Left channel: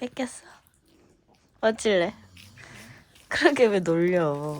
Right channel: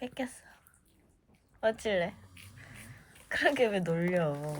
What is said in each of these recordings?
뺏겼어. 어찔래? 그러게 왜 놀려?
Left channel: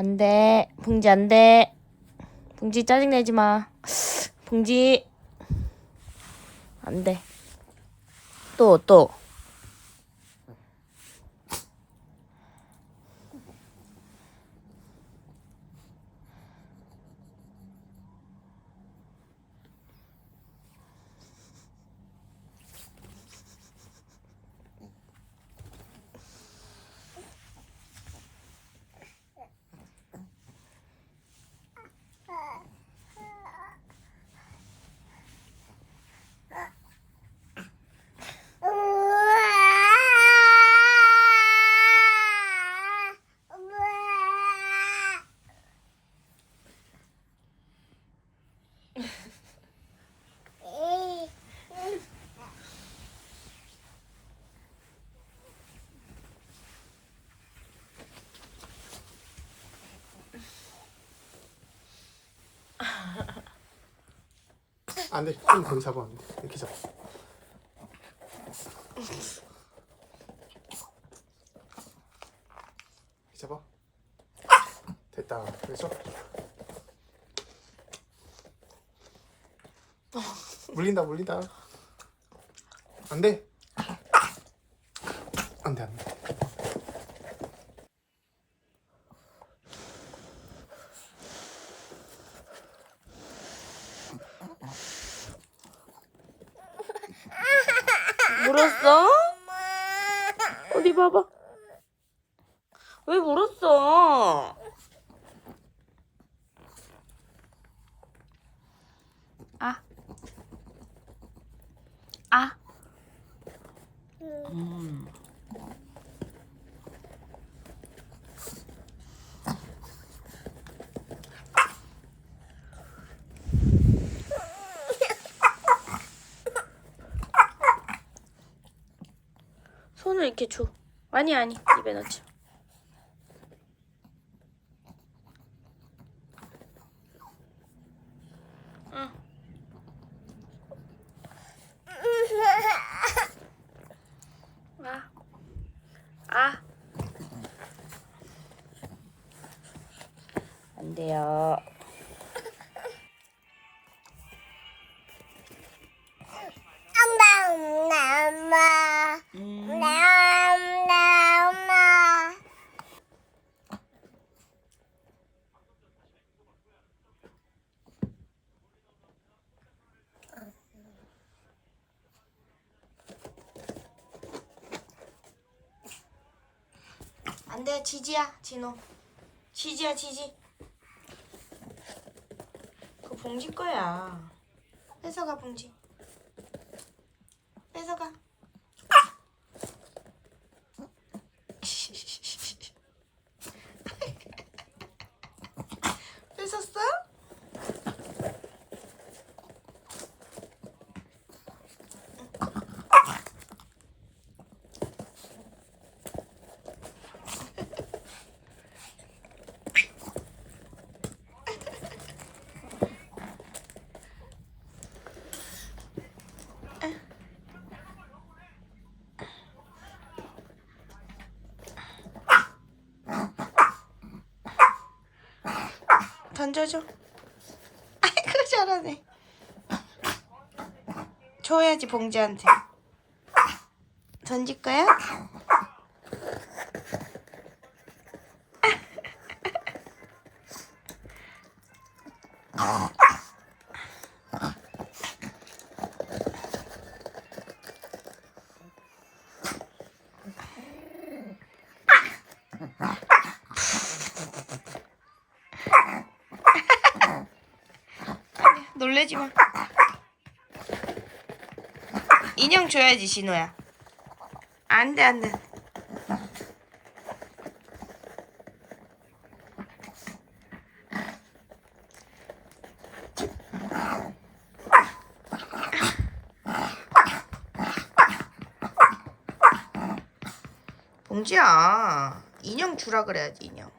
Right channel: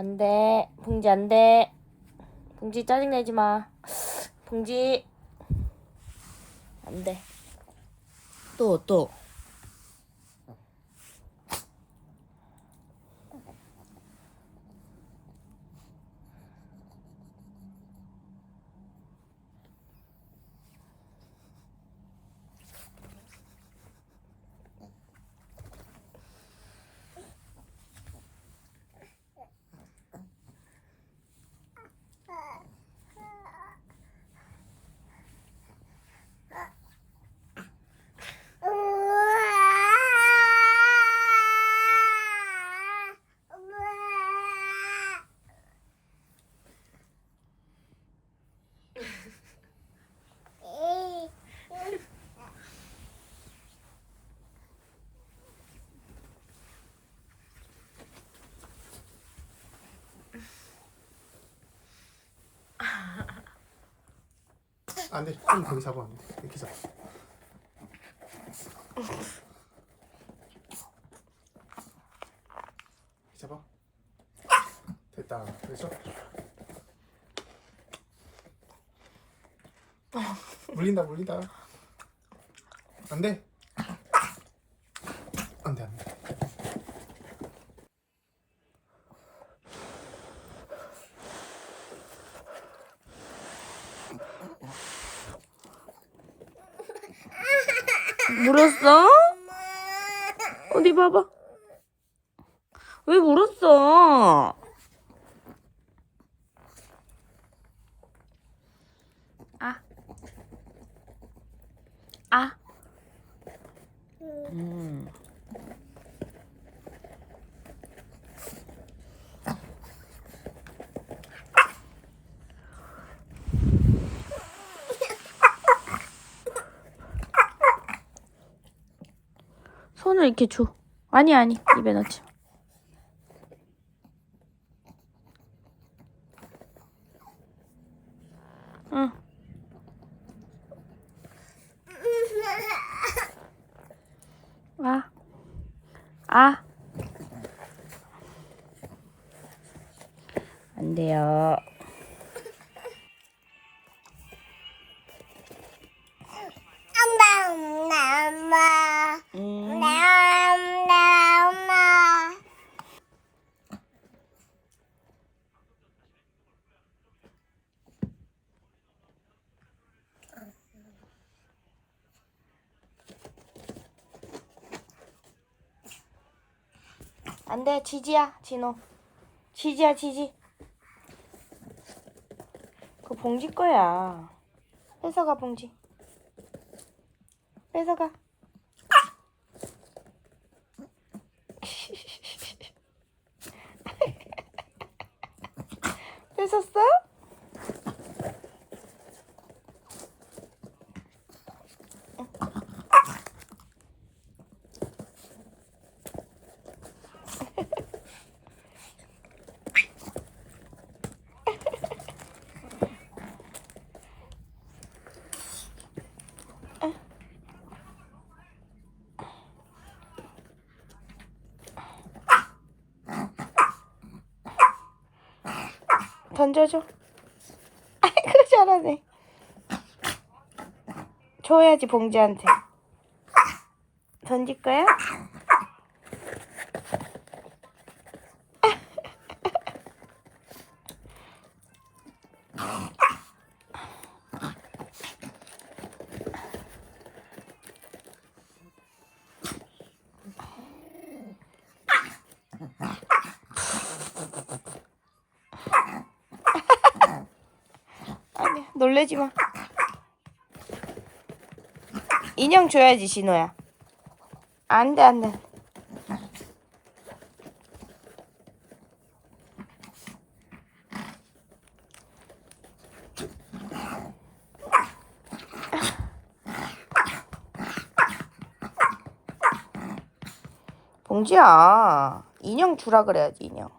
안 돼. 붕지 안 돼. 붕지 짜증내지 마. 붕지. 안 돼. 또. 안 돼. 좀 거기 잡아. 안 돼. 이렇게 잡아. 이렇게 잡아. 됐다. 그래서 물린다. 안 돼. 안 돼. 물었어? 어디 봐봐. 왜 물었어? 아. 손을 이렇게 줘. 아니 입에 넣지. 응. 안 돼요. 엄마. 안돼 지지야 진호. 지지야 지지. 그거 봉지 거야. 뺏어가 봉지. 뺏어가. 뺏었어? 던져줘. 아이고 잘하네. 줘야지 봉지한테. 던질 거야? 아니 놀래지 마. 인형 줘야지 진호야. 안돼 안돼. 봉지야 인형 주라 그래야지 인형.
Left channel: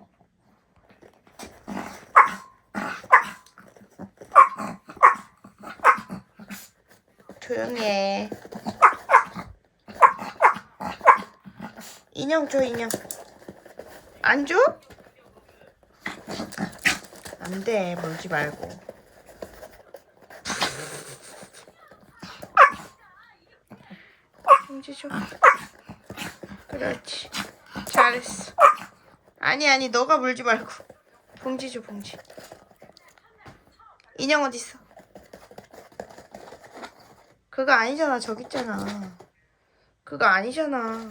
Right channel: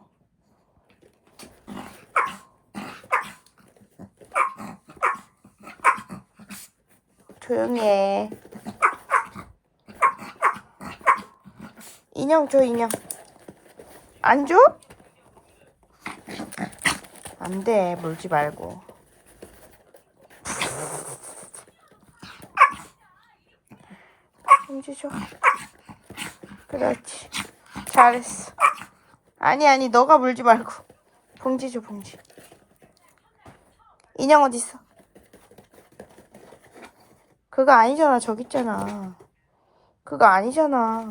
조용히 해. 인형 줘 인형. 안 줘? 안 돼 물지 말고. 봉지 줘. 그렇지. 잘했어. 아니 너가 물지 말고. 봉지 줘 봉지. 인형 어딨어? 그거 아니잖아 저기 있잖아. 그거 아니잖아.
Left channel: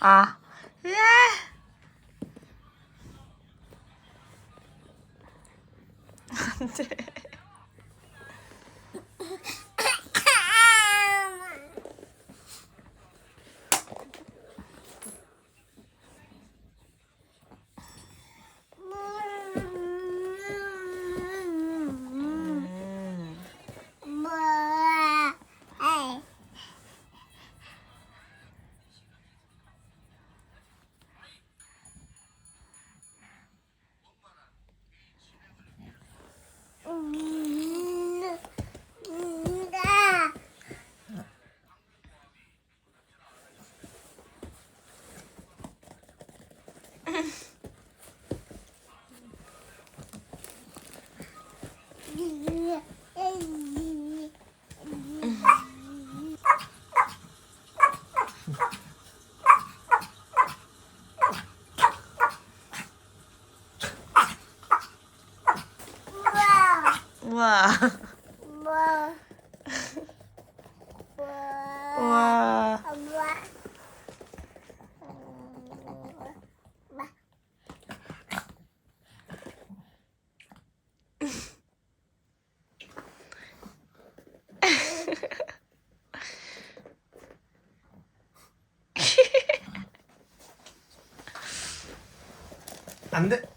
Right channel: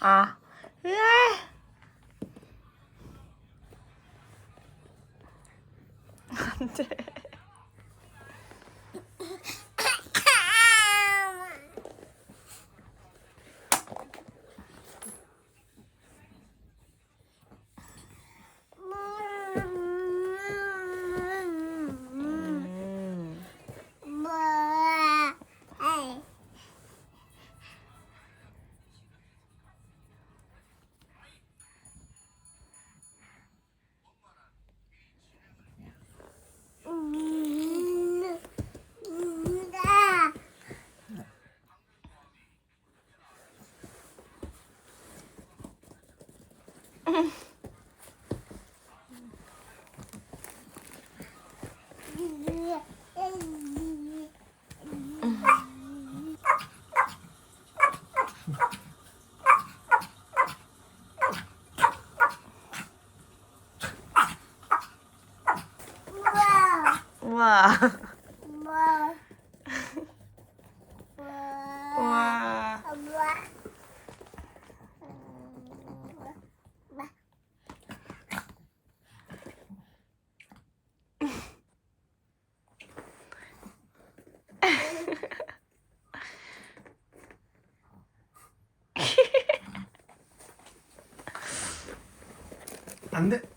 아. 안 돼. 우와. 우와. 안 돼.